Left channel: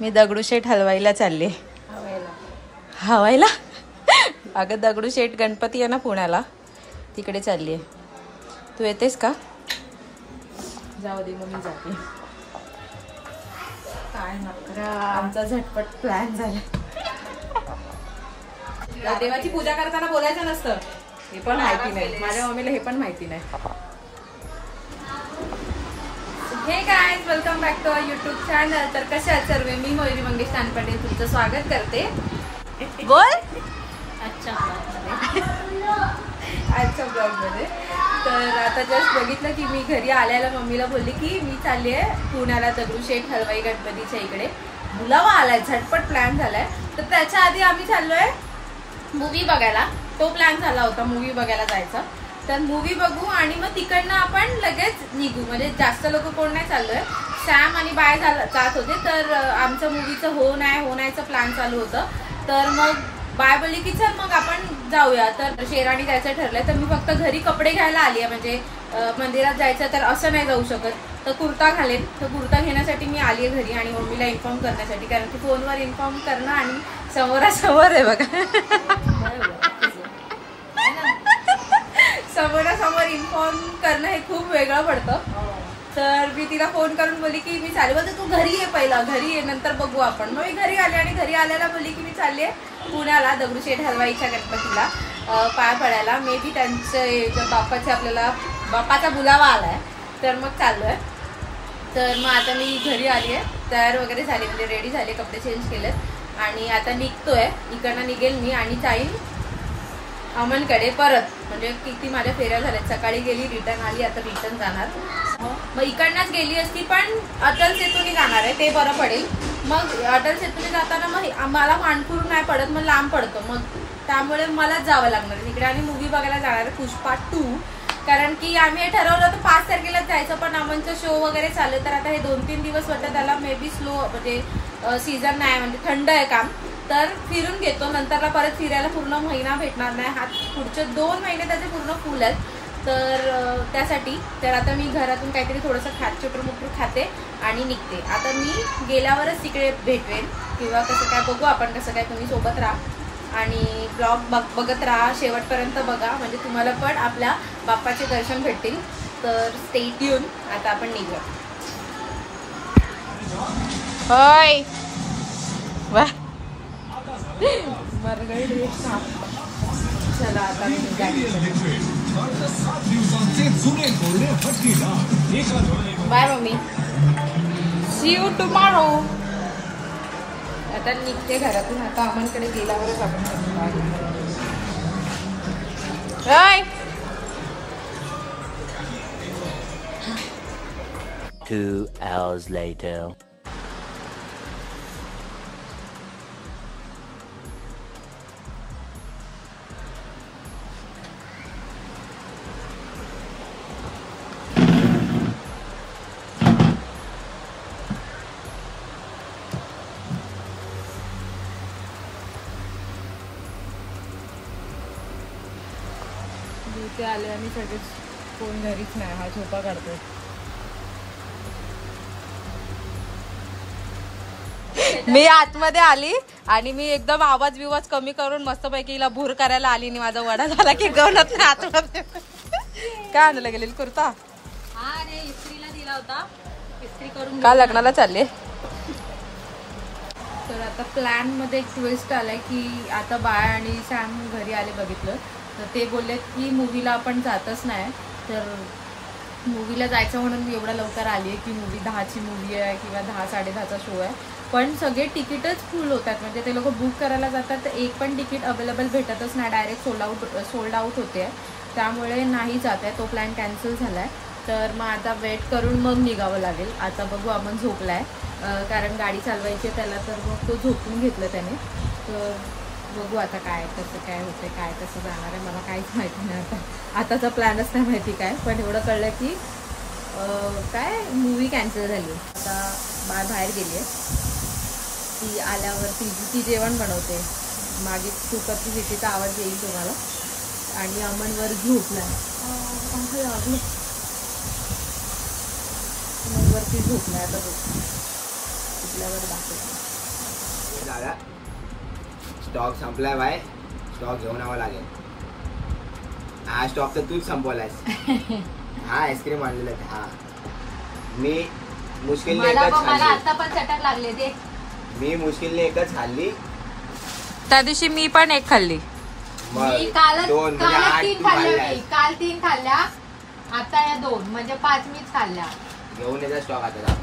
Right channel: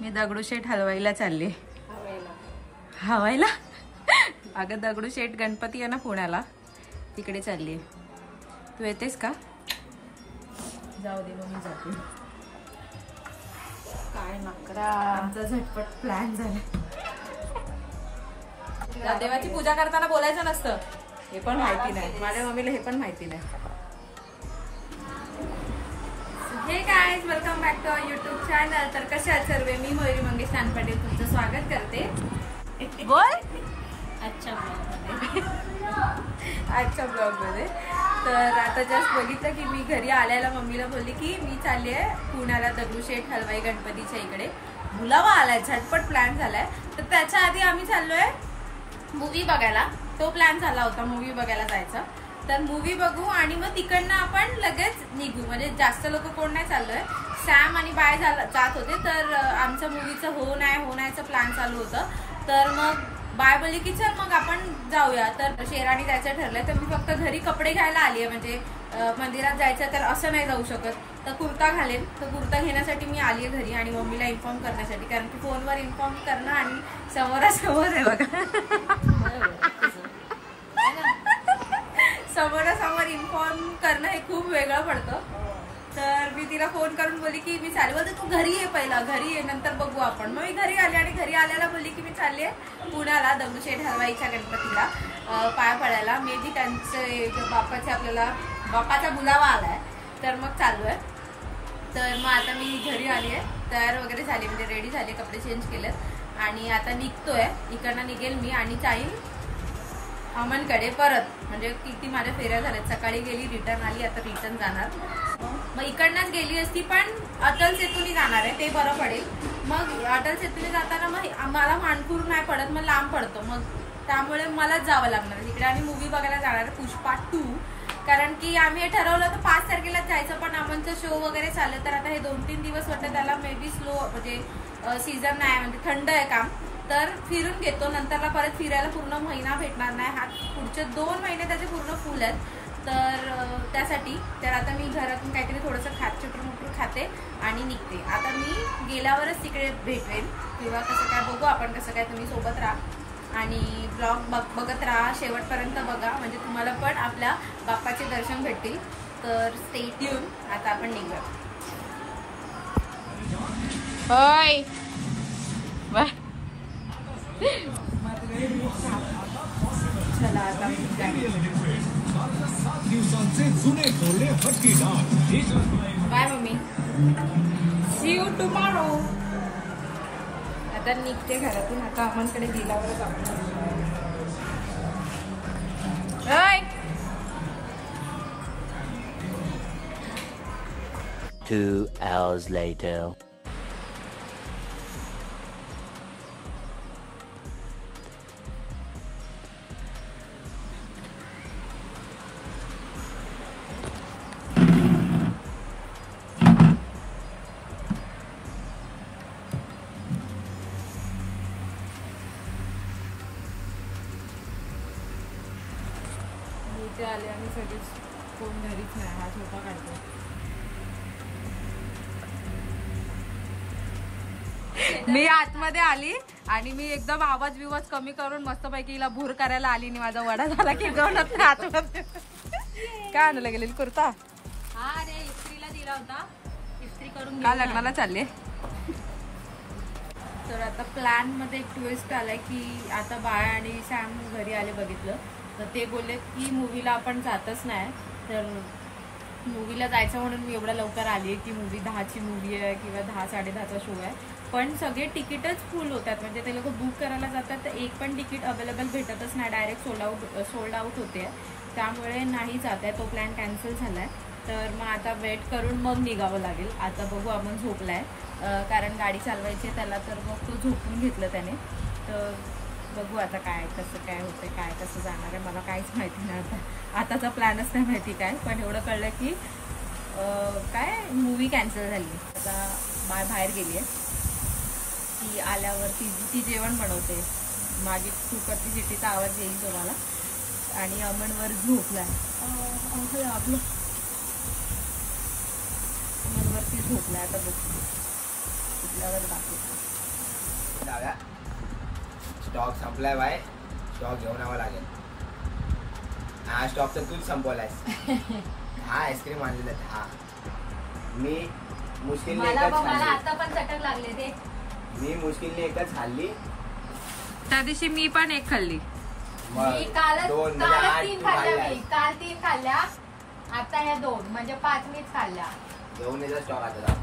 मी दगडूशेठ हलवाईला चालले. हवायला? अगं दगडूशेठ गणपती आहे ना पुण्याला, तिकडे चालली आहे. तू येतेस का? जाऊ दे मग मी जाते. काय नकरा, आमचा झटपट प्लॅन झाला. देवाची पूजा करताना बोलायचं नसतं, हे पण माहिती नाही माझ्या मम्मीला, हे पण माहिती नाही. Hey guys, welcome back to our YouTube channel. तर कशा आहात सर्व? मी मयुरी मंगेश तानपटे तुमचं स्वागत करते. बोल आजच्या ब्लॉगमध्ये. तर आता जस्ट बघितलं की मी घरी आल्याला मम्मीला बोलली की मी चालली आहे पुण्याला दगडूशेठ हलवाई गणपतीच्या इकडे. बुलावा आलाय, झटपट प्लॅन झालाय. तर त्याच्या आधी आम्ही चाललोय मूवी बघायला. तो प्लॅन झाला होता मूवी बघायला जायचा. तर मूवी बघू आणि मग तिकडनं आपण लगेच निघू. म्हणजे जास्त लोक कोण नाही चाललोय, सॅम आणि बाय जात होते. तर आमचं मूवीचं हो नाहीचं प्लॅन चालू होतं. तर मग बाय बोलली की चल मग आपण जाऊया. तर शेराणी जायचं ठरलंय. तर मी फक्त घरी कपडे घ्यायला आली आहे, म्हणजे मंदिरात जायचं तर असं नाही जाऊ शकत. तर कुर्ता घालेन. तर कुर्ता घेण्यासाठी मी आली आहे घरी आणि मम्मीला इन्फॉर्म करण्यासाठी, कारण की फोनवर इन्फॉर्म करणं आणि समोरासमोर आहे बघा, समोरासमोर इन्फॉर्म करणं हे खूप वेगळं पडतं. तर मी तिला फोन करून बोलली की मी चालले. बोलते तू घरी ये, पहिला घरी ये, नंतर बघू आपण. मग मी घरी आले आणि घरी आल्याला बोलली की मी चालली आहे पुण्याला दगडूशेठ हलवाईच्या गणपतीला पाय पडायला. मे बी त्यांचे बाप्पाचे आपल्याला बाप्पाचा बुलावा आलाय, तर मग चाललो आहे. तर मग आता मी घरी आली आहे, तयार वगैरे झाली, म्हणजे रेडी झाले, कपडे चेंज केलेत आणि आता निघतोय. इकडनं निघेल मी आणि जाईन अमनकडे परत. म्हणजे किती माझ्या फेऱ्या झाल्यात, सकाळी गेली रिटर्न आली, आता रिटर्न जाणार. मग इकडनंच गेली असती पण अटल सेतूने जाणार आहे, ते बरं पडेल. मग अटल सेतूने जाताना मग मला मानपूर नाही पडत, मग लांब पडतो, मग त्यामुळे मलाच जावं लागणार आहे तिकडे. आणि मूवी बघायला जाणार आहे पुष्पा 2, कारण की आम्ही हे ठरवलं होतं 5 तारखेलाच जायचं, पण अमनचं शो वगैरे चालू. तर आता हे 2-3 दिवस वाटतं त्याला मे बी स्लो, म्हणजे सीझन नाही, म्हणजे थंड आहे काम. तर फिरून घेतो, नंतरला परत फिरायला पूर्ण महिना भेटणार नाही. हा पुढचे 2 महिने त्याचे पूर्ण फुल आहेत. तर त्यासाठी तर आता मी घरातून काहीतरी थोडंसं चुटूमुटूर खाते आणि निघते. आता मी गेल्यावरच तिकडे भेटवेन किंवा कसं काय बघू आपण, कसं काय. तुम्ही सोबत राहा आणि ब्लॉग बघत राहा, शेवटपर्यंत बघा, म्हणजे तुम्हाला पण आपल्या बाप्पाचे दर्शन भेटतील. तर स्टे ट्यून. आता आपण निघूया. होय वा, चला आता मी गाडी. Bye mummy, see you tomorrow. आता निघते घरातून. आता अमनकडे गेल्यावरच आपण बाय. 2 hours later. इथे आले आम्ही सगळेच, कोण घरीच नाही. हा झोपा काढतो. मी आतमध्ये आली आणि मी एकदम आवाज बिवाज कमी करून मस्तपैकी हिला भूर करायला आली आणि माझा वडा झाला की गवत नाही आतमध्ये. काय आणलं गेलेली कुर्ता? हा रे, इस्त्रीला दिला होता, इस्त्री करून. का लग्नाला चालले? तर आता प्लॅन मध्ये एक ट्विस्ट आलाय की आता बाय आणि सॅम घरी आले, बघितलं तर ते बोलले की मूवीला आपण जातच नाही. तर मूवीला जायचं म्हणून मी एवढ्या लवकर आली आहे की मूवी 10ची मूवी आहे किंवा 10-10:30चा शो आहे, पण सगळे तिकीटच फुल होतात. म्हणजे ते लोक बुक करायला जातात तर एक पण तिकीट अवेलेबल भेटतच नाही, डायरेक्ट सोल्ड आउट होते. त्यामुळे नाही जात आहे, तो प्लॅन कॅन्सल झाला आहे. तर मग आता वेट करून मग निघावं लागेल. आता बघू, अमन झोपला आहे कारण गाडी चालवायची त्याला, तर मग तो झोपून घेतलं त्याने. तर बघू आता काय कसं काय होतं, काय कसं जाणार आहे, मला काहीच माहिती नाही. आताचा प्लॅनच नाही माहिती काय, पण एवढं कळलं की काय मूवी कॅन्सल झाली. आता बाहेर गेली आहे, ती आल्यावर ती जेवण बनवते. मागे कुकरची शिट्टीचा आवाज येईल तुम्हाला. आणि अमनवर झोपला आहे, अमनवरती झोपला आहे. आता बघ संपल्यावर दाखवते. जागा स्टॉक संपलाय बाय. स्टॉक घेऊन यावं लागेल. हा स्टॉक तर तूच संपवलायस. हा आईस्क्रीम आणलेला. हा मी मुश्किलने एकच मला खाल्ली. आता पण चटक लागले ते. मी मुश्किलने एकच खाल्ली. त्या दिवशी मी पण एक खाल्ली. मग दोन म्हणजे 8 तू खाल्ल्यास. काल 3 खाल्ल्या, आता हे 2 म्हणजे 5 मीच खाल्ल्या. घेऊन यायचा स्टॉक आता.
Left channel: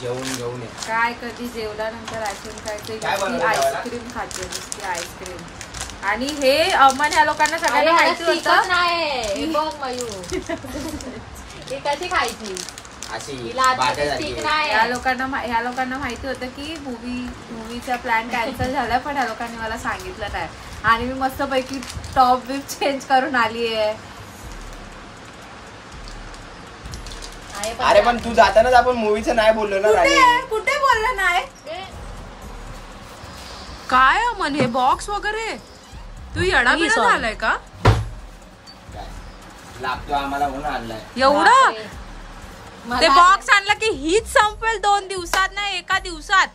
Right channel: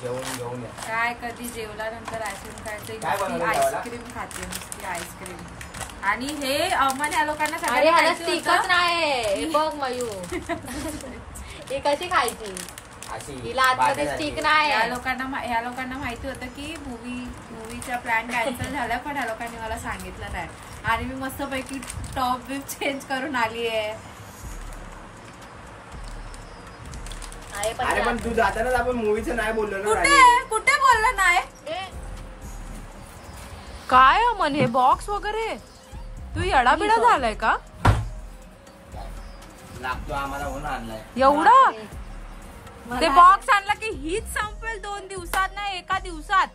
जेवून घेऊन ये. काय कधी जेवल्यानंतर आईस्क्रीम खायचं. आईस्क्रीम खाते नुसती आईस्क्रीम. आणि हे अमन या लोकांना सगळ्यांना माहिती होतं. कशी खायची या लोकांना माहिती होतं की मूवीचा प्लॅन कॅन्सल झाला, पण ह्या लोकांनी मला सांगितलं नाही. आणि मी मस्तपैकी टॉप बिप चेंज करून आली आहे. अरे पण तू जातानाच आपण मूवीचं नाही बोललो ना. कुठे बोललं नाही. काय अमन हे बॉक्स वगैरे तू येडा बिडा झालाय का. लागतो आम्हाला म्हणून आणलाय एवढं. ते बॉक्स आणला की हीच संपेल 2 दिवसात ना 1 दिवसात.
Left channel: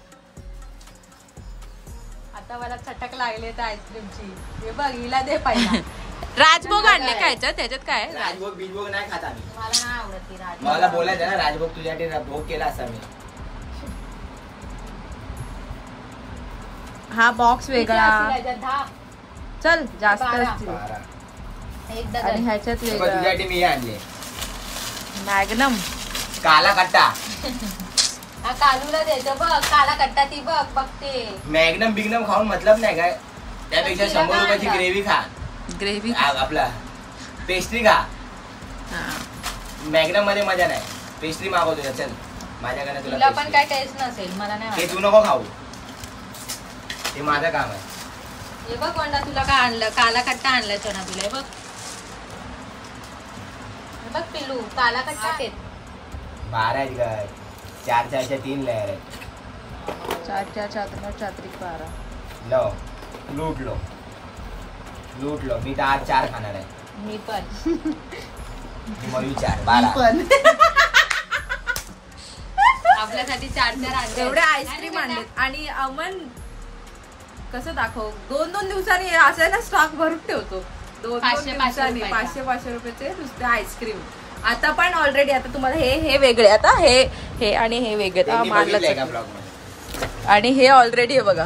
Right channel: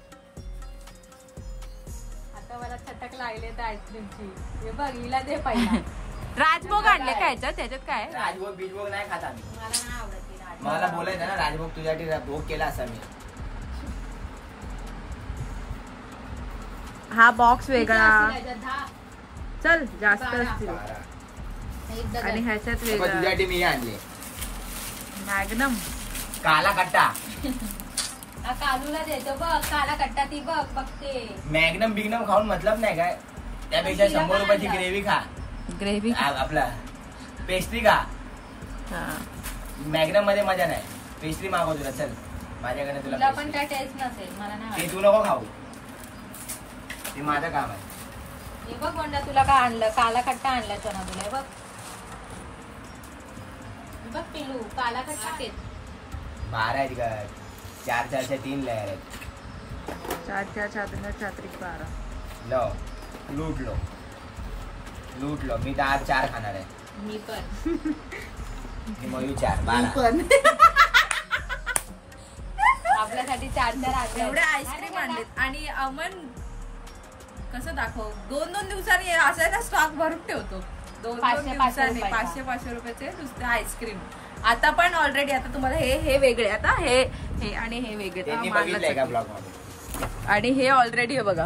आता मला चटक लागले तर आईस्क्रीमची. बघ हिला दे पाहिजे. राजभोग आणले काय त्याच्यात काय. राजभोग बीजभोग नाही खात आम्ही. मला नाही आवडत राजभोग. मला बोलायचं ना राजभोग तुझ्यासाठी भोग केला असा मी. हा बॉक्स वेगळा. चल जास्त. आणि ह्याच्यात तुझ्यासाठी मी आणले मॅग्नम काला कट्टा. कालूला द्यायचं बघ. काला कट्टा ती बघ बघते. मॅग्नम बिग्नम खाऊन मतलब नाही काय. त्यापेक्षा 100 रुपयाची ग्रेव्ही खा. ग्रेव्ही आपला पेस्ट्री खा. मॅग्नम मध्ये मजा नाही. पेस्ट्री मागवतो चल माझ्याकडे. तुला पण काय टेस्ट नसेल. मला नाही. ते तू नको खाऊ. हे माझं काम आहे. हे बघ वंडा तुला काय आणलं. काला कट्टा आणला चना तुला. हे बघ बघ पिल्लू काला कट्टा. 12 आहेत घर. 4 3 लेअर आहेत. 4 4 12. लो लूट लो. मी तर आज 4 खाणार आहे. मी पण. मयू 4 12. आपल्यासाठी 4 एवढे आईस्क्रीम आणलेत. आणि अमन कसं दाखव 2 दिवसांनी असं ना स्टॉक भरून ठेवतो. 2 दिवसांनी 500 रुपयाचे नुसते आईस्क्रीम. आता पण ऑलरेडी आता तुम्हाला हे वेगळे. आता हे आणि हे वेगळे मानलं. आणि हे ऑलरेडी आहे बघा.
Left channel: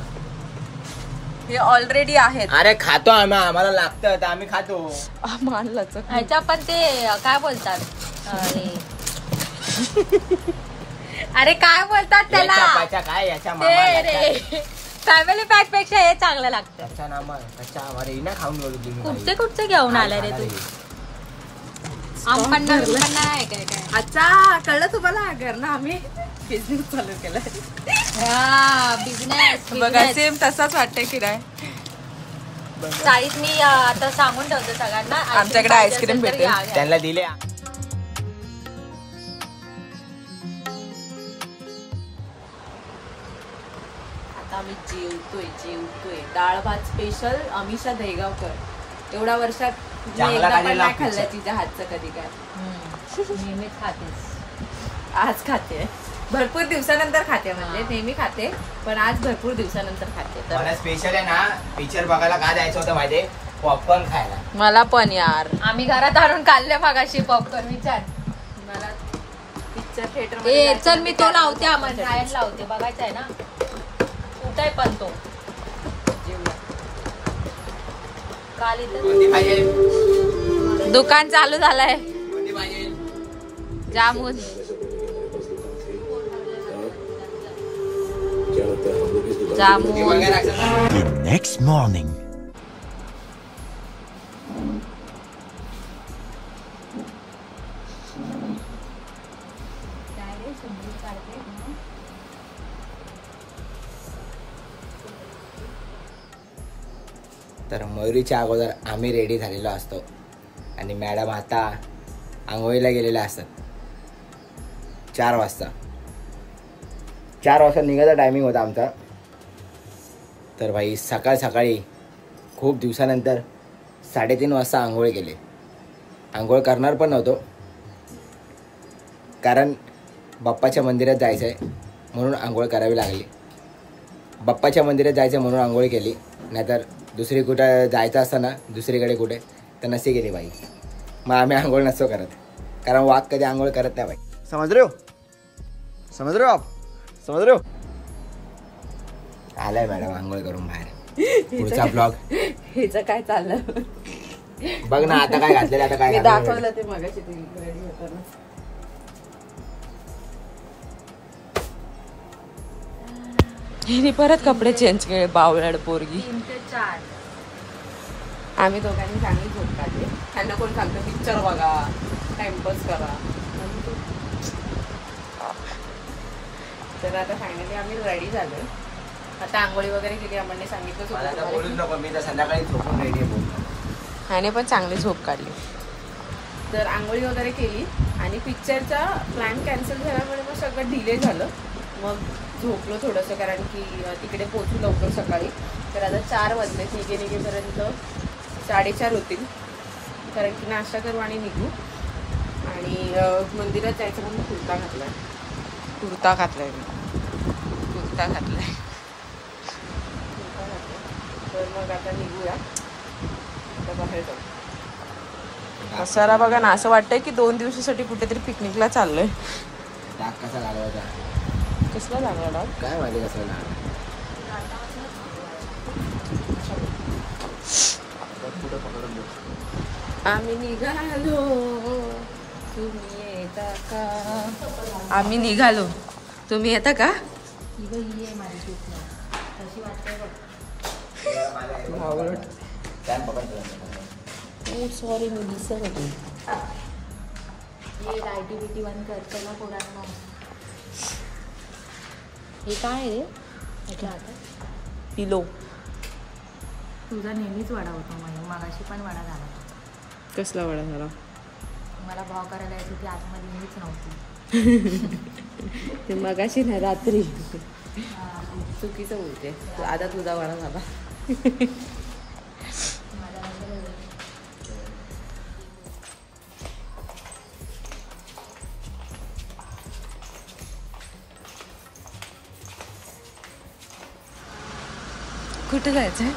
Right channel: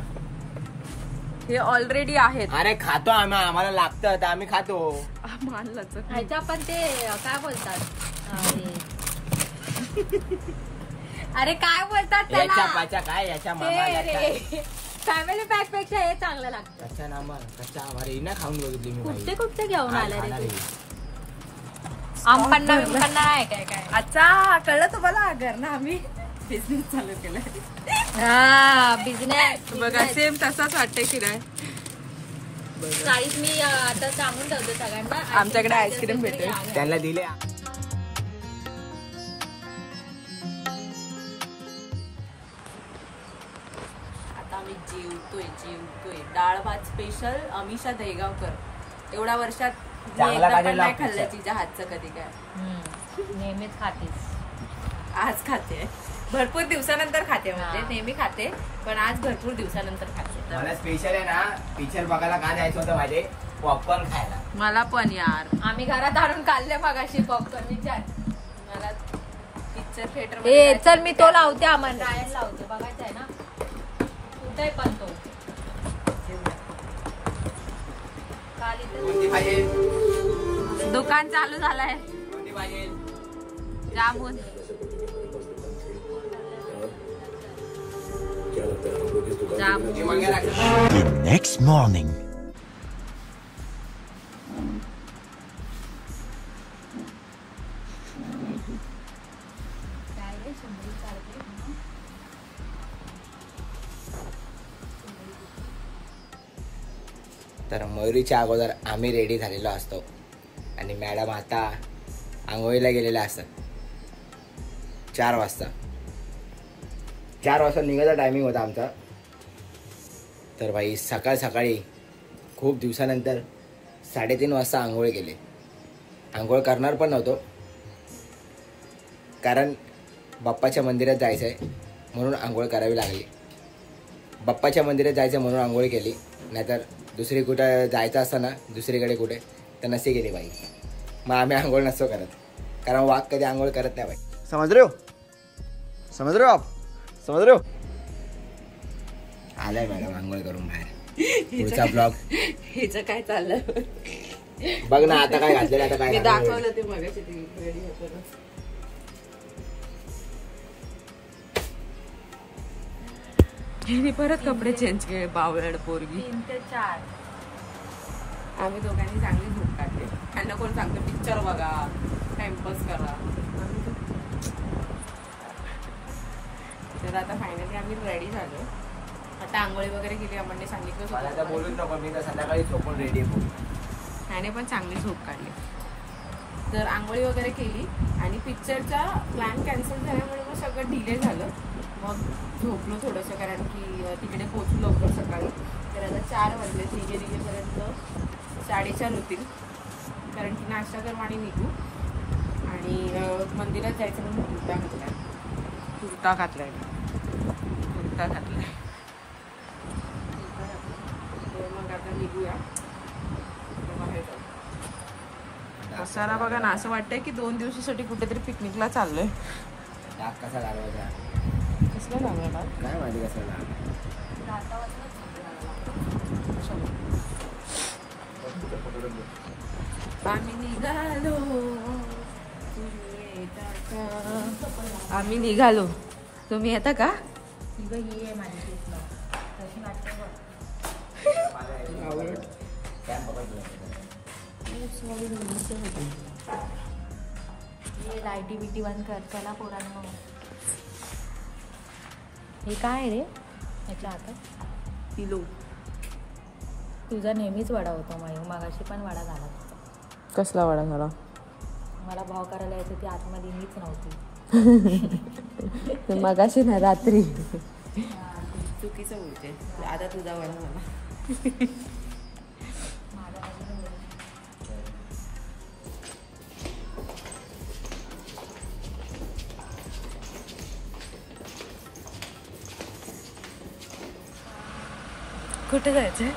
हे ऑलरेडी आहेत. अरे खातो आम्ही. आम्हाला लागतं तर आम्ही खातो. मानलंच. ह्याच्या पण ते काय बोलतात. अरे काय बोलतात त्याला. काय याच्या फॅमिली पॅक पेक्षा हे चांगलं लागतं. खाऊन गेलो. कुठचे घेऊन आला रे. अच्छा कळलं तुम्हाला. घर ना आम्ही बिझनेस चालू केलाय. बिझनेस बघा सेम तसाच वाटतंय की नाही. मी आता सांगून ठेवते सगळ्यांना आमच्याकडे आईस्क्रीम भेटेल. त्यांना दिले. आता आम्ही जेवतोय. डाळ भात स्पेशल अमिषा दहेगावकर. एवढ्या वर्षात मी एकदा पण नाही खाल्लं तिच्या हातचं. कधी काय नेहमीच खातेस. आज खाते. भरपूर दिवसानंतर खाते. म्हणजे नेहमी खाते पण आज भरपूर दिवसानंतर खाते. मला स्पेशल आहे ना पिक्चर बघायला का जायचं होतं माझे. पॉपकॉर्न खायला. मला पण यार. आम्ही घरात आणून काढले मागाशी पॉपकॉर्न. विचार मला पिक्चर थिएटर मध्ये. चल मी तो लावते. आम्हाला रायन लावते. बघायचं आहे ना कुठे पण तो. दुकान चालू झालंय. Jamun The next morning. तर मयुरीच्या अगोदर आम्ही रेडी झालेलो असतो आणि मॅडम आता आंघोळीला गेलेल्या असतात. 4 वाजता निघायचा टायमिंग होता आमचा. तर भाई सकाळी खूप दिवसानंतर 3:30 वाजता आंघोळ केले. आंघोळ करणार पण नव्हतो कारण बाप्पाच्या मंदिरात जायचं आहे म्हणून आंघोळ करावी लागली. बाप्पाच्या मंदिरात जायचं म्हणून आंघोळ केली, नाहीतर दुसरी कुठं जायचं असतं ना, दुसरीकडे कुठे तर नसे गेली बाई. मग आम्ही आंघोळ नसतो करत, कारण वाघ कधी आंघोळ करत नाही बाई. समज रे हो, समज रे हो आप, समज रे हो. आलाय मॅडम आंघोळ करून बाहेर. पुढचा ब्लॉग हिचं काय चाललं बघ ना, आता काय घातलेलं, आता काय दाखवलं ते मगाशी रेडी होताना. हिने परत कपडे चेंज केले, बावळड पोरगी. 3 ते 4. आम्ही दोघांनी चांगली झोप काढली. त्यांना कोण सांगतं पिक्चर बघा, टाइमपास करा. तर आता फायनली आम्ही रेडी झालो. आता आंघोळी वगैरे केली. आम्हाला सांगितलं नको, मी तर संध्याकाळी झोपून रेडी आहे. ह्याने पण चांगली झोप काढली. तर आंघोळी वगैरे केली आणि पिक्चरचा प्लॅन कॅन्सल झाल्यामुळे मग सगळं डिले झालं. मग झोपलो थोडंसं, कारण की तिकडे पोचू लवकर सकाळी. तर आता 4 वाजले. निघेपर्यंत 4:30 होतील, कारण की नाश्ता करू आणि निघू. आणि मंदिरात जायचं म्हणून कुर्ता घातलाय मी कुर्ता घातलाय. तर मग आता निघूया, आता बाहेर जाऊ. पसारा बघा ना, असं वाटतंय की 2 दिवसासाठी कुठेतरी पिकनिकला चाललोय. डाग कसा लागला होता? कसला लागला डाग? काय माहिती कसं लागला. आम्ही निघालो, तुम्ही येता का? आम्ही निघालो, तुम्ही येता का? सॉरी मी दिसत होती. ऍक्टिव्हिटी बंद कर. चला पोरांनो. हे काय रे? पिलो. तुझा नेहमीच वडा होता मयूर, मगाशी पण वडा झाला. कसला वडा झाला? मला भाव करायला यायची ती आतमध्ये मीच नव्हती. ते मगाशी ना, रात्री. चुकीचं बोलते. आता तुझा वडा झाला. कुठे जायचंय?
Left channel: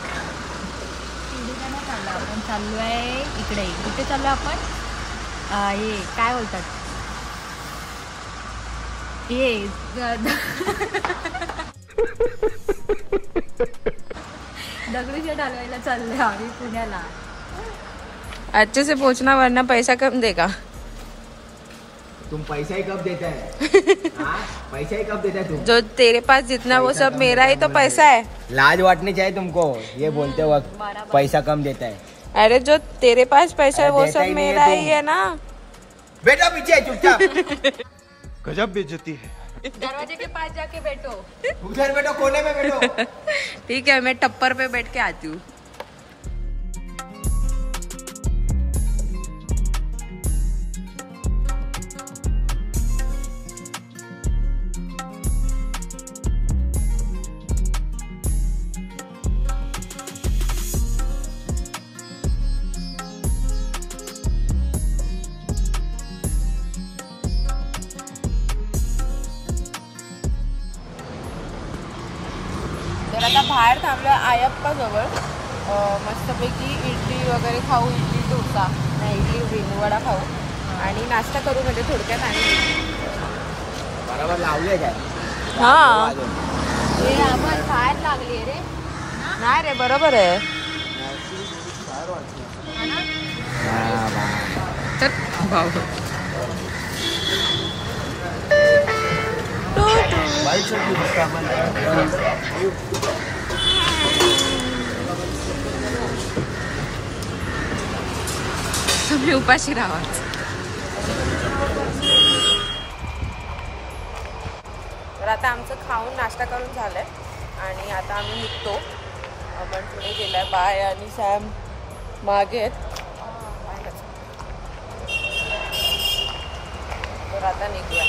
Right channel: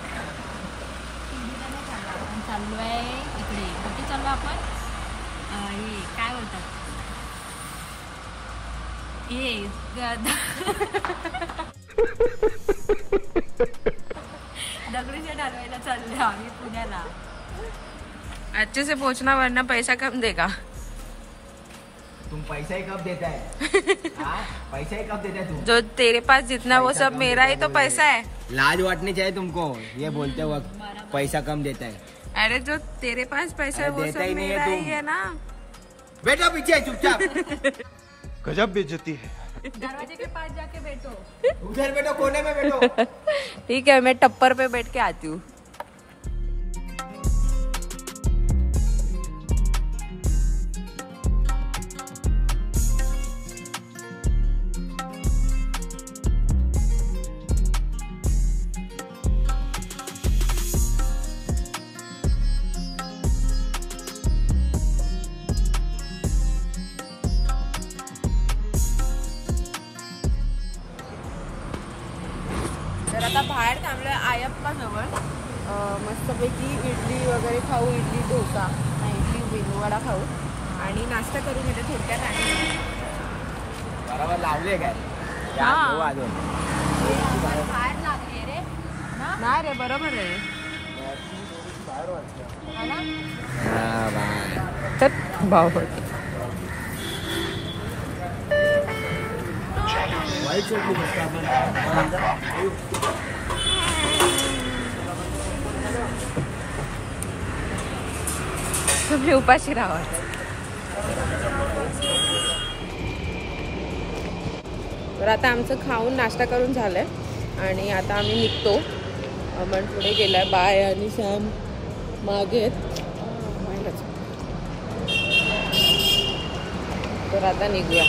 आपण चाललोय इकडे. कुठे चाललोय आपण? हे काय बोलतात, हे दगडूशेठ हलवायला चाललोय आम्ही पुण्याला. अच्छे से पहुंचना वरना पैसा कम देगा. तुम पैसा ही कब देता है? पैसा ही कब देता है तुम? जो तेरे पास जितना वो सब मेरा ही तो पैसा है. लाज वाटनी चाहिए तुमको ये बोलते वक्त, पैसा कम देता है. अरे जो तेरे पास पैसा है वो देता सब ही नहीं है मेरा ही तुम. है ना. बेटा पीछे चुपचाप. गजब बेइज्जती है. दरवाजे के पास जाके बैठो. उधर बैठो, कोने में बैठो. ठीक है, मैं टप्पर पे बैठ के आती हूँ. तर आता बाहेर थांबलं आयप्पा जवळ. मस्तपैकी इडली वगैरे खाऊ, इडली डोसा नाही इडली वडा खाऊ आणि नाश्ता करू. म्हणजे थोडक्यात आणि बरोबर लावले काय? हा हे आपण बाहेर लागली रे ना. नाही रे, बरोबर आहे. हा ना. तर भाऊ तुम्ही उपाशी राहा. तर आता आमचं खाऊन नाश्ता करून झालंय आणि आता आम्ही निघतो. अमन पुढे गेलाय, बाय आणि सॅम मागे आहेत. तर आता निघूया.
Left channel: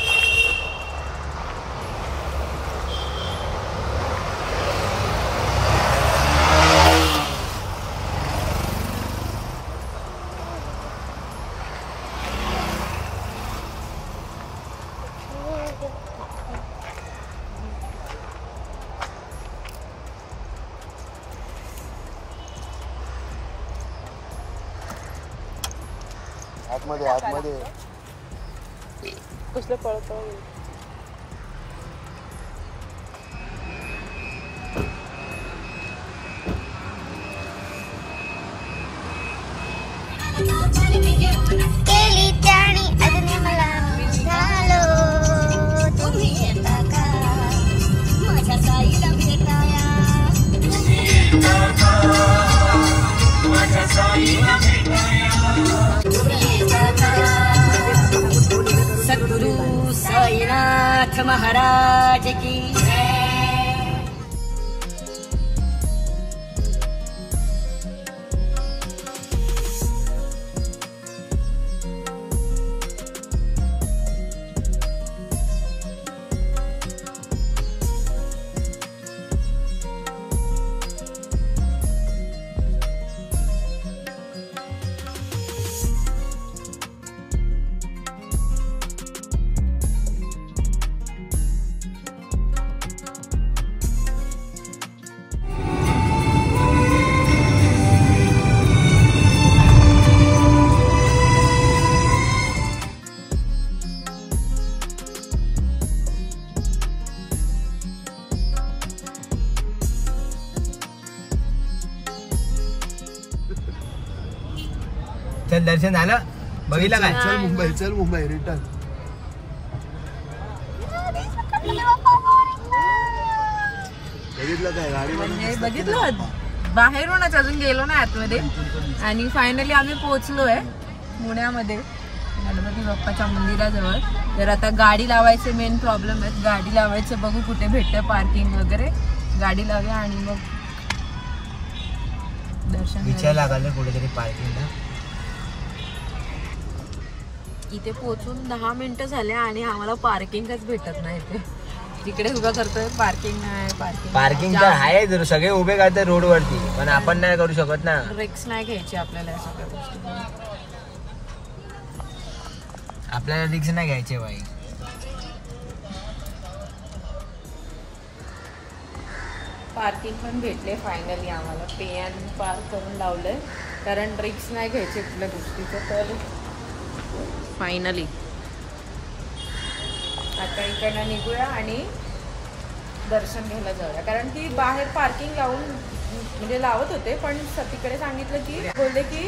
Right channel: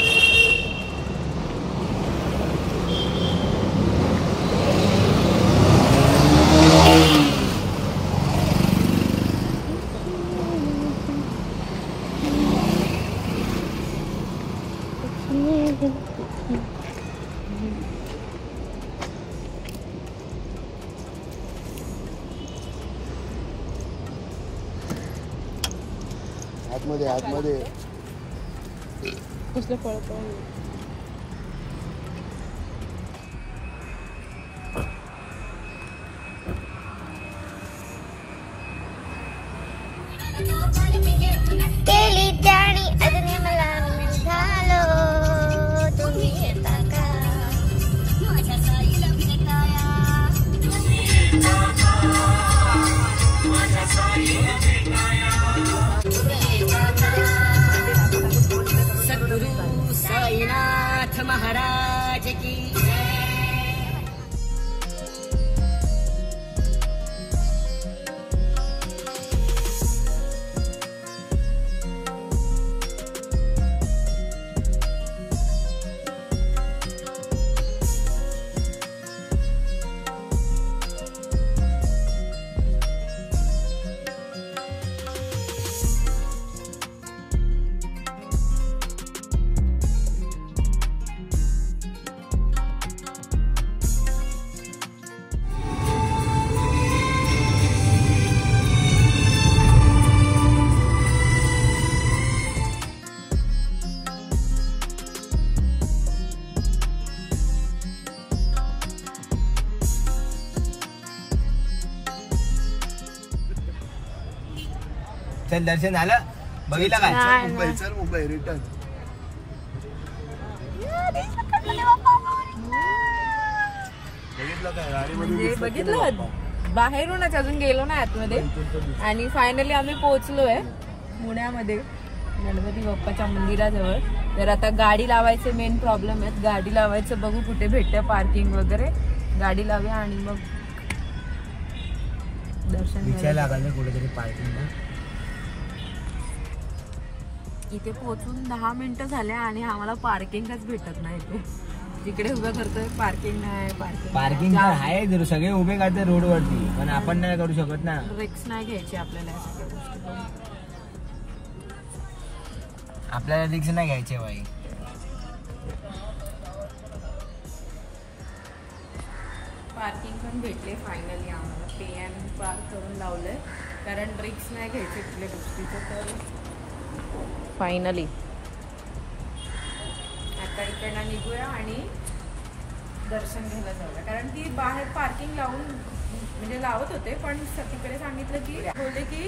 आतमध्ये आतमध्ये कसलं पळत केली जाणी अजून मला निघालो तुम्ही येता का माझ्या साईला भेटाया माझ्या साईला भेटाया सद्गुरु साईनाथ महाराज की चल दर्शन झालं बघितलं काय चल मुंबई रिटर्न. बघितलं काय गाडी म्हणजे बघितलं बाहेरूनच अजून गेलो नाही आतमध्ये आणि फायनली आम्ही पोहोचलोय पुण्यामध्ये गणपती बाप्पाच्या मंदिराजवळ. तर आता गाडी लावायचे मेन प्रॉब्लेम आहेत. गाडी लावायचं बघू कुठे भेटतं पार्किंग वगैरे. गाडी लावूया आणि मग दर्शन विचार लागले कुठेतरी पार्किंगला. इथे पोहोचून 10 मिनिटं झाले आणि आम्हाला पार्किंगच भेटत नाही. जिकडे उभं करतोय पार्किंग नाही. पार्किंग तर आहे सगळे उभे करतात रोड वरती पण आपण नाही करू शकत ना. रिक्स नाही घ्यायची आपल्याला अशा काही गोष्टी. आपल्याला रिक्स नाही घ्यायचे बाई. पार्किंग पण भेटले फायनली आम्हाला. पे अँड पार्क करून लावलंय कारण रिक्स नाही घ्यायचे कुठल्या गोष्टीचं. तर फायनली आता इकडनं निघूया आणि दर्शन घ्यायला जाऊया. कारण की बाहेर पार्किंग लावून म्हणजे लावत होते पण तिकडे सांगितलं की बोलले की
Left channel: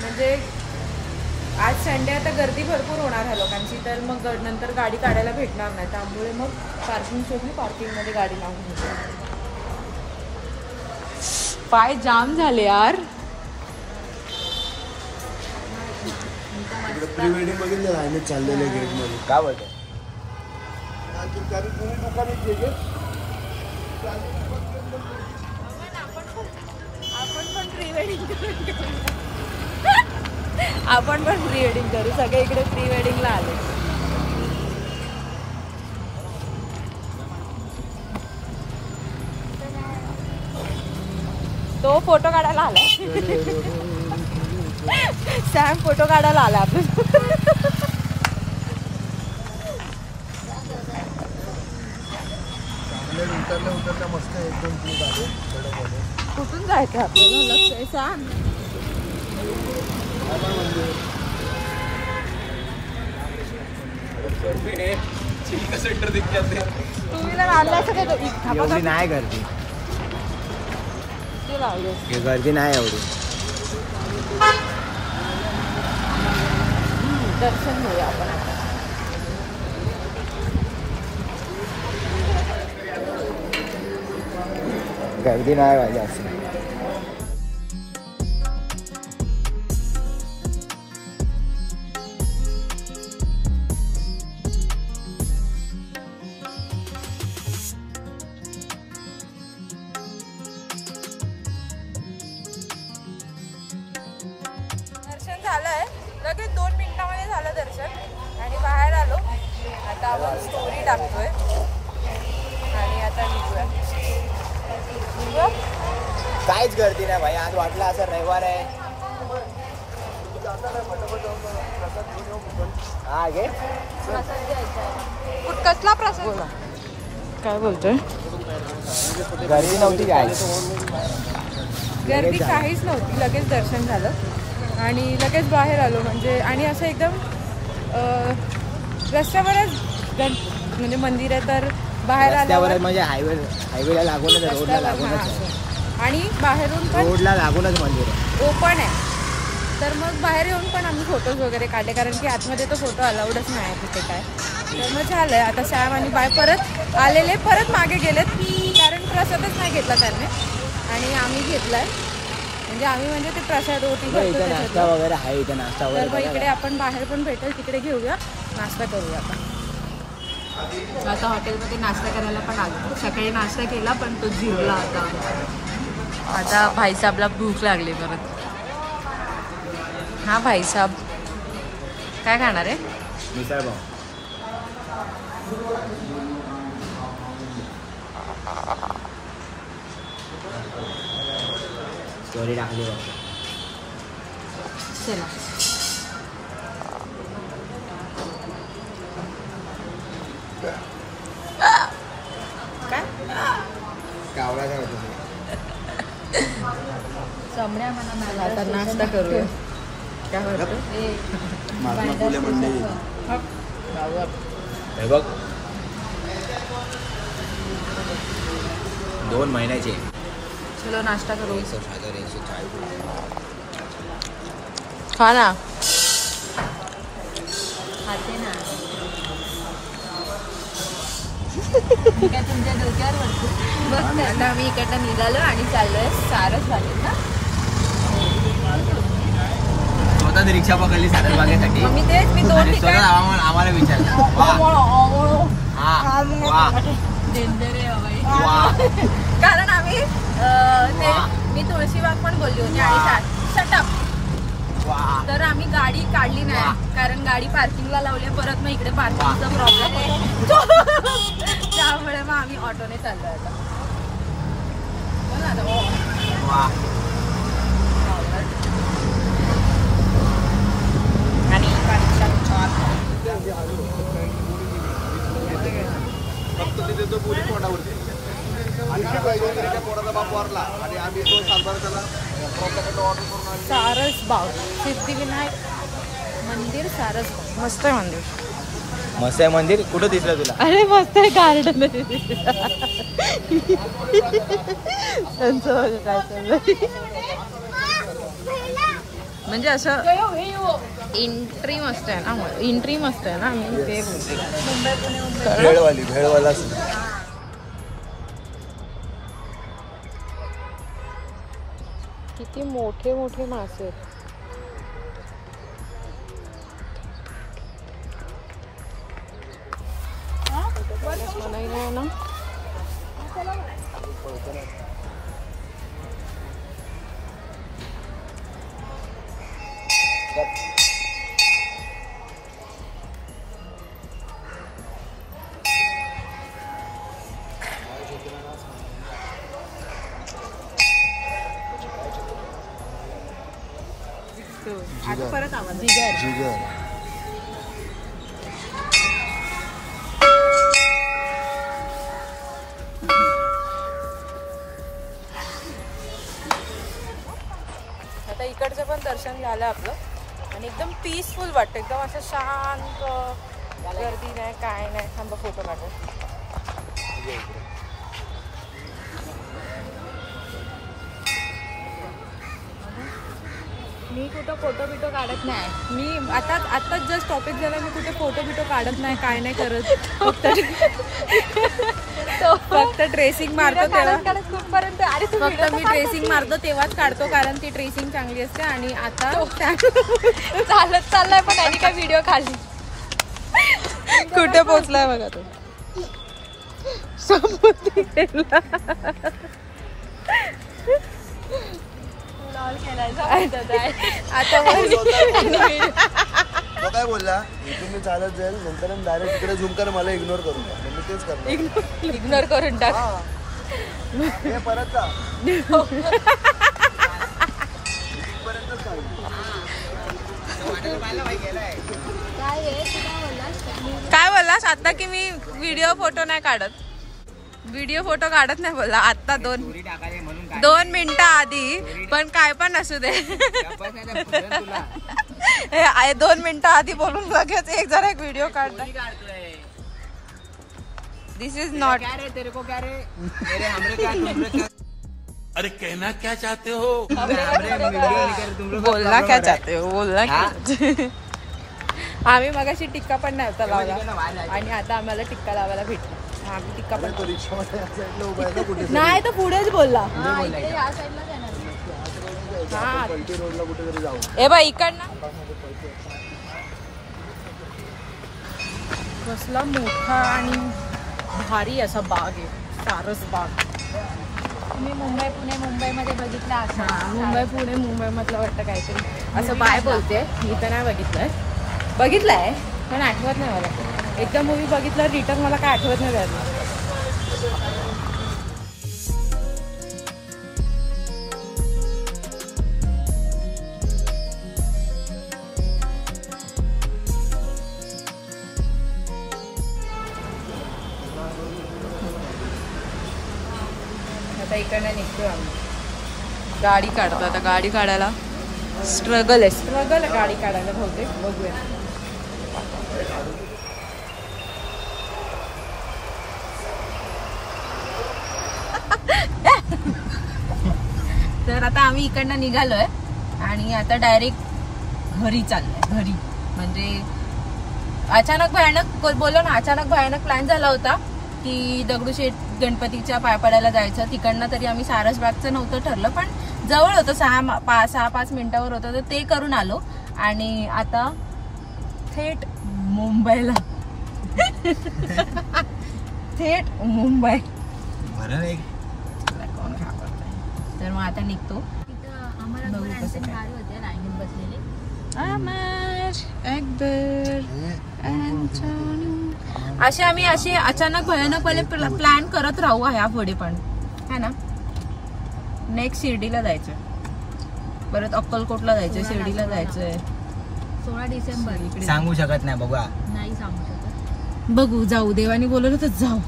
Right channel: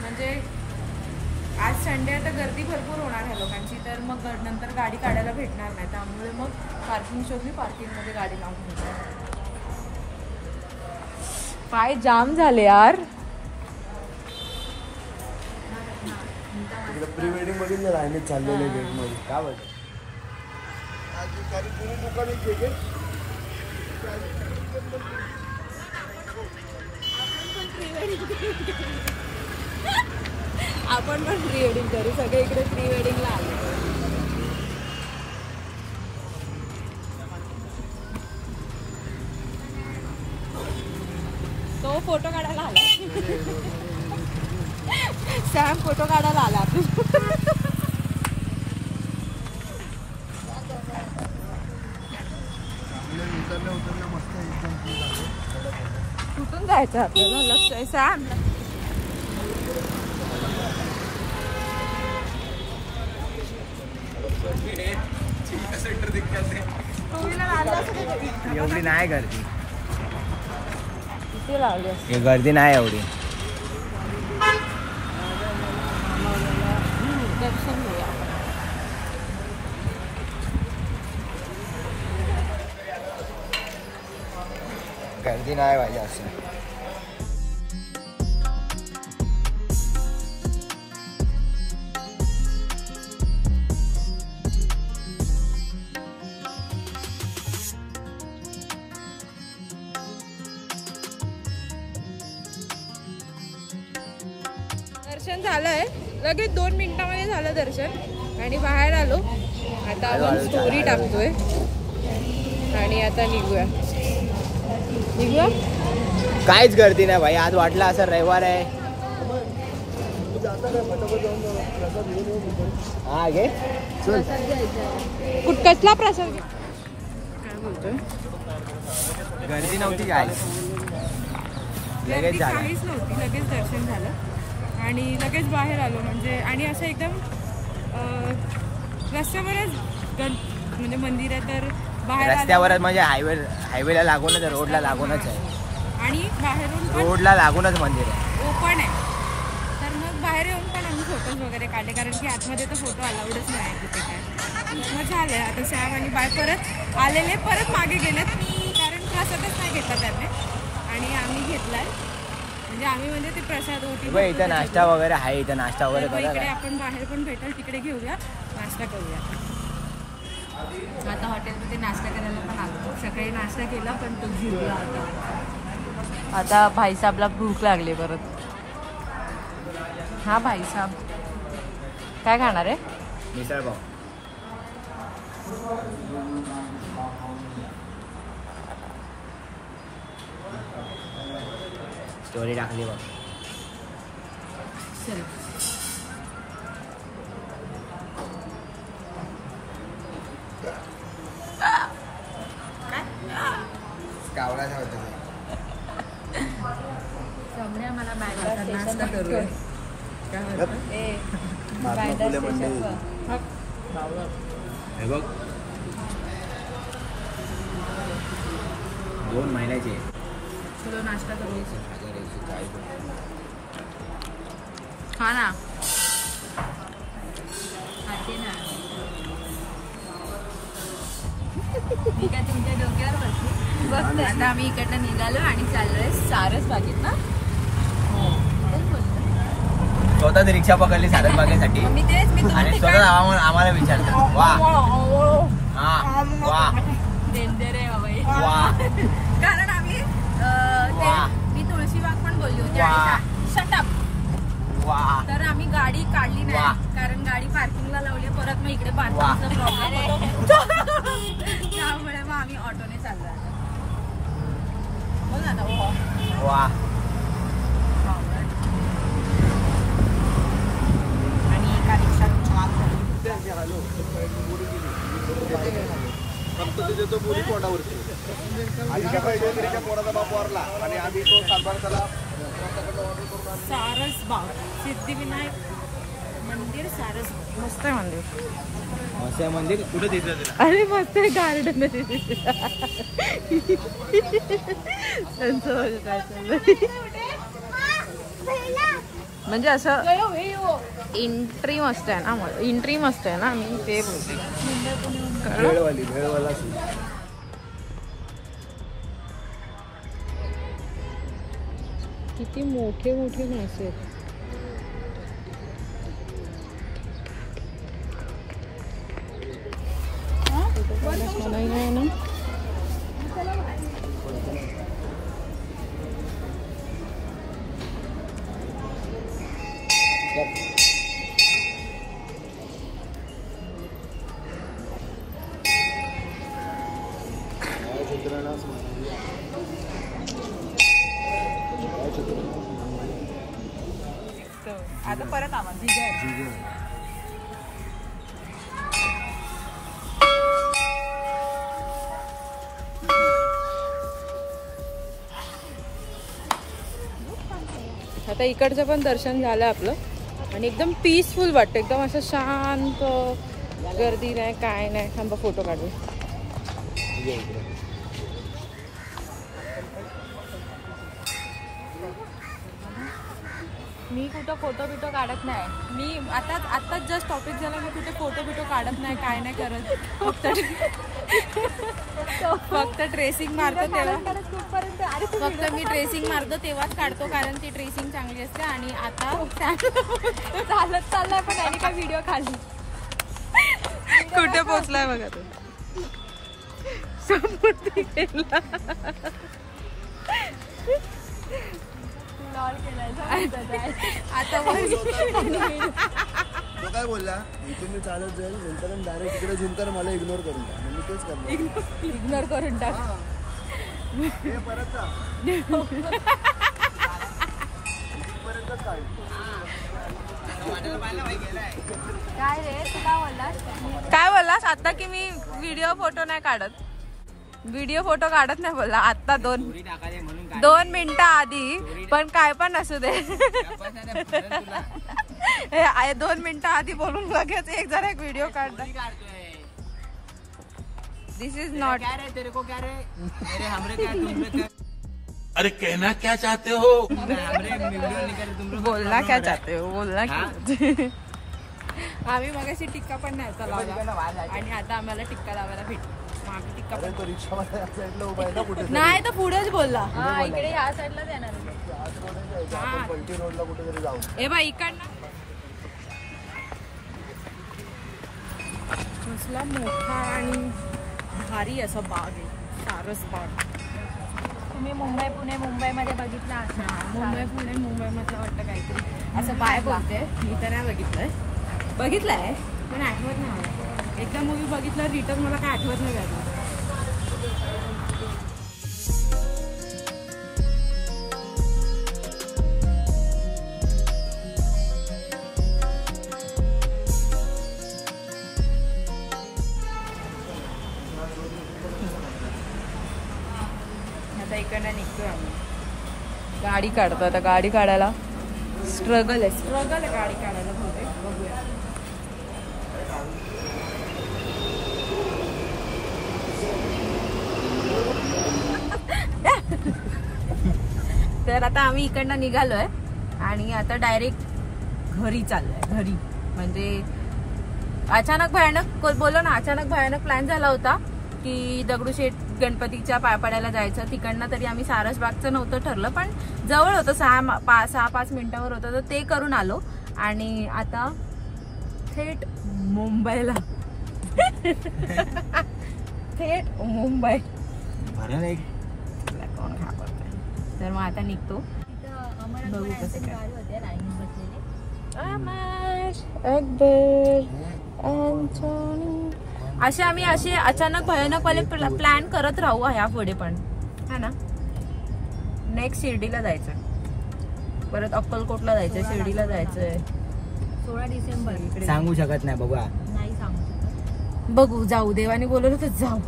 म्हणजे आज संडे आता गर्दी भरपूर होणार ह्या लोकांची तर मग नंतर गाडी काढायला भेटणार नाही. त्यामुळे मग पार्किंग शोधली. पार्किंगमध्ये गाडी लावून घेतली. पाय जाम झाले यार. प्री वेडिंग बघितलं आम्ही चाललेलो गेट मध्ये. का बोलते आपण पण प्री वेडिंग करू. सगळे इकडे प्री वेडिंगला आले. तो फोटो काढायला आला. सॅम फोटो काढायला आला आपण. उतरल्या मस्त एकदम कुठून जायचं आपल्याला सॅम? टू व्हीलर आणलाय एवढी नाही गर्दी. गर्दी नाही एवढी. दर्शन घेऊया आपण आता. गर्दी नाही पाहिजे अशी. दर्शन झालंय लगेच 2 मिनिटामध्ये झालं दर्शन आणि बाहेर आलो. आता आपण स्टोरी टाकतोय आणि आता निघूया. काहीच गर्दी नाही भाई. आज वाटलं असं रविवार आहे. हा घे. कसला प्रसाद? काय बोलतोय? गर्दी नव्हती काय? गर्दी काहीच नव्हती. लगेच दर्शन झालं आणि लगेच बाहेर आलो म्हणजे. आणि असं एकदम रस्त्यावरच म्हणजे मंदिर आहे तर बाहेर आल्यावर म्हणजे हायवेला लागूनच आहे, रोडला लागूनच आहे. आणि बाहेरून पण रोडला लागूनच मंदिर आहे, ओपन आहे. तर मग बाहेर येऊन पण आम्ही फोटोज वगैरे काढले कारण की आतमध्ये तर फोटो अलाउडच नाही आहे तिथे काय. तर मग झालं आता सॅम आणि बाय परत आलेले, परत मागे गेलेत कारण प्रसादच नाही घेतला त्यांनी आणि आम्ही घेतलाय. म्हणजे ते प्रसाद ओटी नाश्ता वगैरे आहे इथं, नाश्ता तर वगैरे. मग इकडे आपण बाहेर पण भेटेल तिकडे घेऊया, नाश्ता करूया. आता हॉटेलमध्ये नाश्ता करायला पण आलो. सकाळी नाश्ता केला पण तो जिरला आता भाईसाहेबला भूक लागली परत. हा भाईसाहेब काय खाणार आहे? मिसळ पाव. स्टोरी टाकली बघ. चला काय कावळा नाही होतं ते. आता नाश्ता करूया. काय वाटतं? महात्मा फुले मंडई. हे बघ 2 महिन्याचे. चलो नाश्ता करू. 140 खा ना. खाते ना मी काय तुमच्या डोक्यावर वाटते. आता आम्ही इकडनं निघालो आणि चाललोय सारस बागेत ना. स्वतःच रिक्षा पकडली सारस बागेसाठी. मी तेच मी 2 ठिकाणी आम्हाला विचारलं. कारण आम्ही मी तुळशीबाग पण बोलली होती आणि शटअप. तर आम्ही गाडी काढली नाही कारण गाडी पार्किंगला लावली. परत मग इकडे पार्किंगचा प्रॉब्लेम होतो त्यामुळे मग आम्ही ऑटोने चाललोय आता. बोल ना आता. आणि गाडीचा सारस बाग सिद्धिविनायक मंदिर सारस बाग. मस्त आहे मंदिर. मस्त आहे मंदिर. कुठं दिसलं तुला? अरे मस्त आहे गार्डन त्यांचं बघा काय चाललंय. म्हणजे असं एंट्री मस्त आहे ना, एंट्री मस्त आहे ना. मी ते बोलते भेळवाला किती मोठे मोठे मासे आहेत. मलाही नाही ना. आता परत आवाज जिगर. आता इकडचं पण दर्शन झालं आपलं आणि एकदम पीसफुल वाटतं. एकदम असं शांत, गर्दी नाही काय नाही. थांबा फोटो काढू. मी कुठं फोटो बिटो काढत नाही. मी आताच जस्ट टॉपिक झाला. मी कुठे फोटो बिटो काढत नाही काय नाही करत. फक्त ट्रेसिंग मारतो तेव्हा. फक्त मी ट्रेसिंग मारतो तेव्हाच काढतो कारण ती ट्रेसिंग चांगली असते. आणि आता चालत चाललाय पण आधी काय व्हिडिओ काढली. कुठे पोहोचलाय बघा तो. समुद्री गेला. आता तो काय बोलला इथून मी चालत जाईल नंतर डायरेक्ट तिकडे झूम कर मला इग्नोर करून मी तेच करणार. इग्नोर करून टाक. हे परत जा. काय बोललास आता की मी व्हिडिओ फोटो नाही काढत. व्हिडिओ फोटो काढत नाही बोलला आता स्टोरी टाकायची म्हणून काय 2 मिनिटं आधी, पण काय पण असू दे. गप्पा नाही ना, फुटलं तुला. 2 मिनिटं आधी बोलून लगेच एक व्हिडिओ काढला. स्टोरी काढतोय. दिस इज नॉट. क्या रे तेरे को क्या रे मेरे हमरे क्या तुमरे क्या अरे कहना क्या चाहते हो? हमरे वीडियो निकाल तुम लोग बोलना क्या चाहते हो, बोलना क्या चाहते. आम्ही मगाशी टिक्का पण नव्हता लावला आणि आता आम्हाला टिक्का लावायला भेटला. मग आम्ही टिक्का पण करू. नाही तर पुढेच बोलला. हा ए बाई इकडनं कसला मोठा आणि भारी असा बाग आहे, सारस बाग. तुम्ही मुंबई पुणे मुंबईमध्ये बघितला असा. मुंबई पुणे मुंबई मधलं वाटतं काहीतरी असं बाय बोलते. मी तर नाही बघितलंय पण आठवत नाही मला. एकदा मूवी बघितलं रिटर्न मला काय आठवत नाही झालं. आता इकडनं निघतो आम्ही. गाडी काढतो आता. गाडी काढायला स्ट्रगल आहे गाडी काढायला बहुतेक. बघूया. तर आता आम्ही इकडनं निघालोय आणि आता डायरेक्ट घरी चाललोय. घरी म्हणजे अचानक भयानक प्लॅन झाला होता की दगडूशेठ गणपतीच्या पाया पडायला जायचं. तिकडनं तरी आम्ही सारसबागचं नव्हतं ठरलं, पण जवळ होतं. 6-5 मिनिटावर होतं, तर ते करून आलो. आणि आता थेट मुंबईला. थेट मुंबई. तर मग आता निघतो. तिथं अमर गाडी होते लाईन बसलेले. असे आम्ही अचानक भयानकपणे प्लॅन करत राहू ह्या पुढे पण है ना. नेक्स्ट शिर्डीला जायचंय, परत अक्कलकोटला जायचंय, शिर्डीला जायचंय. 16 डिसेंबर इकडे सांगू शकत नाही बघा. नाही सांगू शकत. बघू, जाऊ. देवाने बोलवलं तर जाऊ.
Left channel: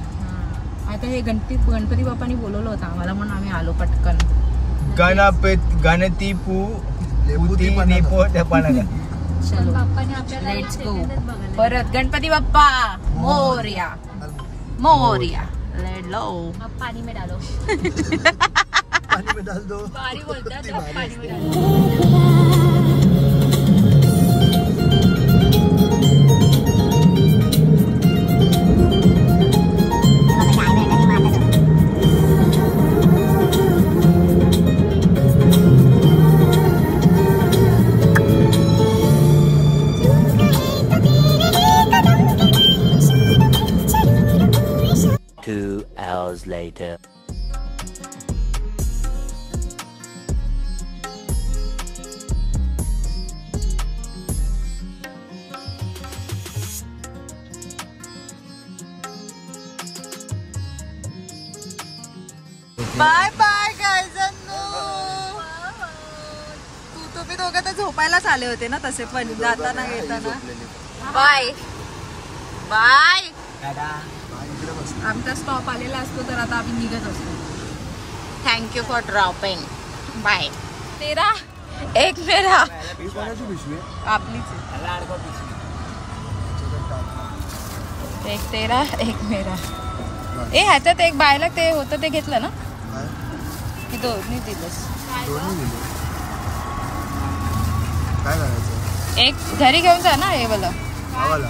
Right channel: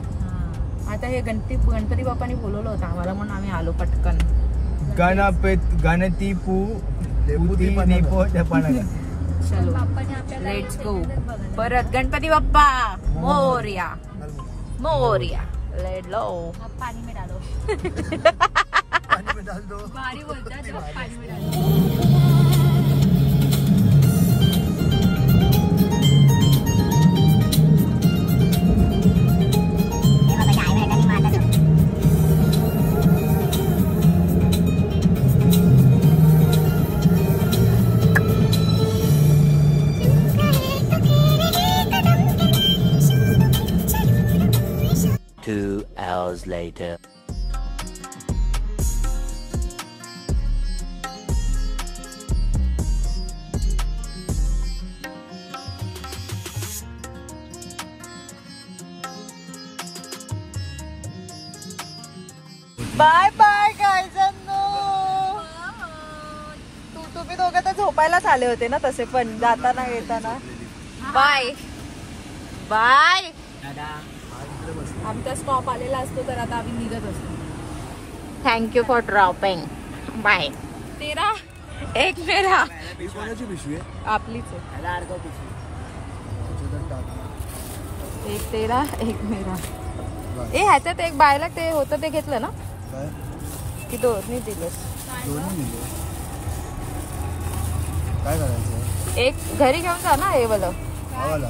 आता हे गणपती बाप्पांनी बोलवलं होतं आम्हाला म्हणून आम्ही आलो पटकन. गणती बाप्पाने आपल्याला लेट्स गो. सेकंदात बघायला. परत गणपती बाप्पा मोरया मोरया. लेट लो. अब पाणी में डालो. पानी में डाल दो. भारी बोलतात अब पाणी में डालो. Later. बाय बाय गायजांनो. तुम्ही दोघं तर झोपायलाच आले होते ना तसे पण जाताना येताना. Bye bye. आमचा स्टॉप आलेला असतो तर आता आम्ही निघत असतो. Thank you for dropping. Bye. तेरा एक मेरा. ही कोणाची पिशवी आहे? आपलीच आहे. एक तेरा एक मेरा. ए ह्याच्यात एक बायला ते होतं ते घेतलं ना काय? की दोन्ही दिलंस? दोन्ही दिले. काय करायचं? एक घरी घेऊन जा ना हे वाला आवाला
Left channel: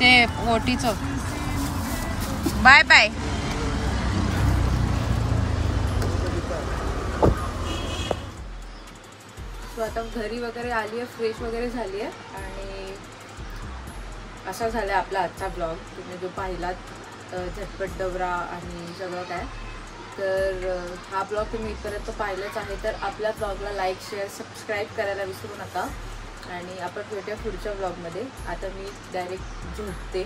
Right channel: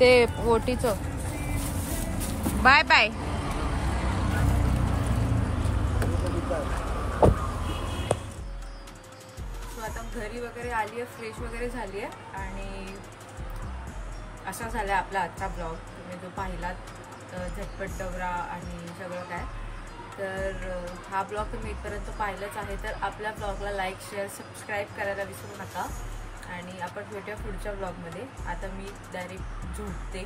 ते ओटीचं. Bye bye. सो आता घरी वगैरे आली आहे, फ्रेश वगैरे झाली आहे आणि असा झाला आहे आपला आजचा ब्लॉग. तुम्ही जो पाहिलात झटपट डवरा आणि सगळं काय, तर हा ब्लॉग तुम्ही इथपर्यंत पाहिलंच आहे तर आपल्या ब्लॉगला लाईक शेअर सबस्क्राईब करायला विसरू नका. आणि आपण भेटूया पुढच्या ब्लॉगमध्ये. आता मी डायरेक्ट झोपते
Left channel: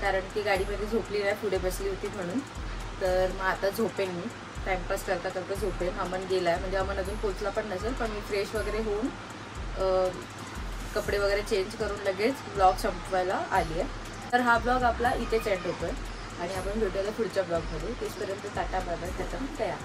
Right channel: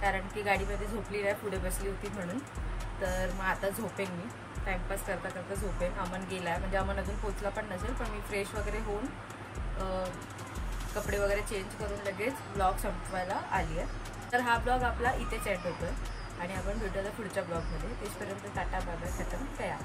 कारण की गाडीमध्ये झोपली नाही, पुढे बसली होती म्हणून. तर मग आता झोपेन मी. टाईमपास करता करता झोपेन. अमन गेला आहे म्हणजे अमन अजून पोचला पण नसेल, पण मी फ्रेश वगैरे होऊन कपडे वगैरे चेंज करून लगेच ब्लॉग संपवायला आली आहे. तर हा ब्लॉग आपला इथेच एंड होतो आहे. आणि आपण भेटूया पुढच्या ब्लॉगमध्ये. तेचपर्यंत टाटा बाय बाय, खतम, तया.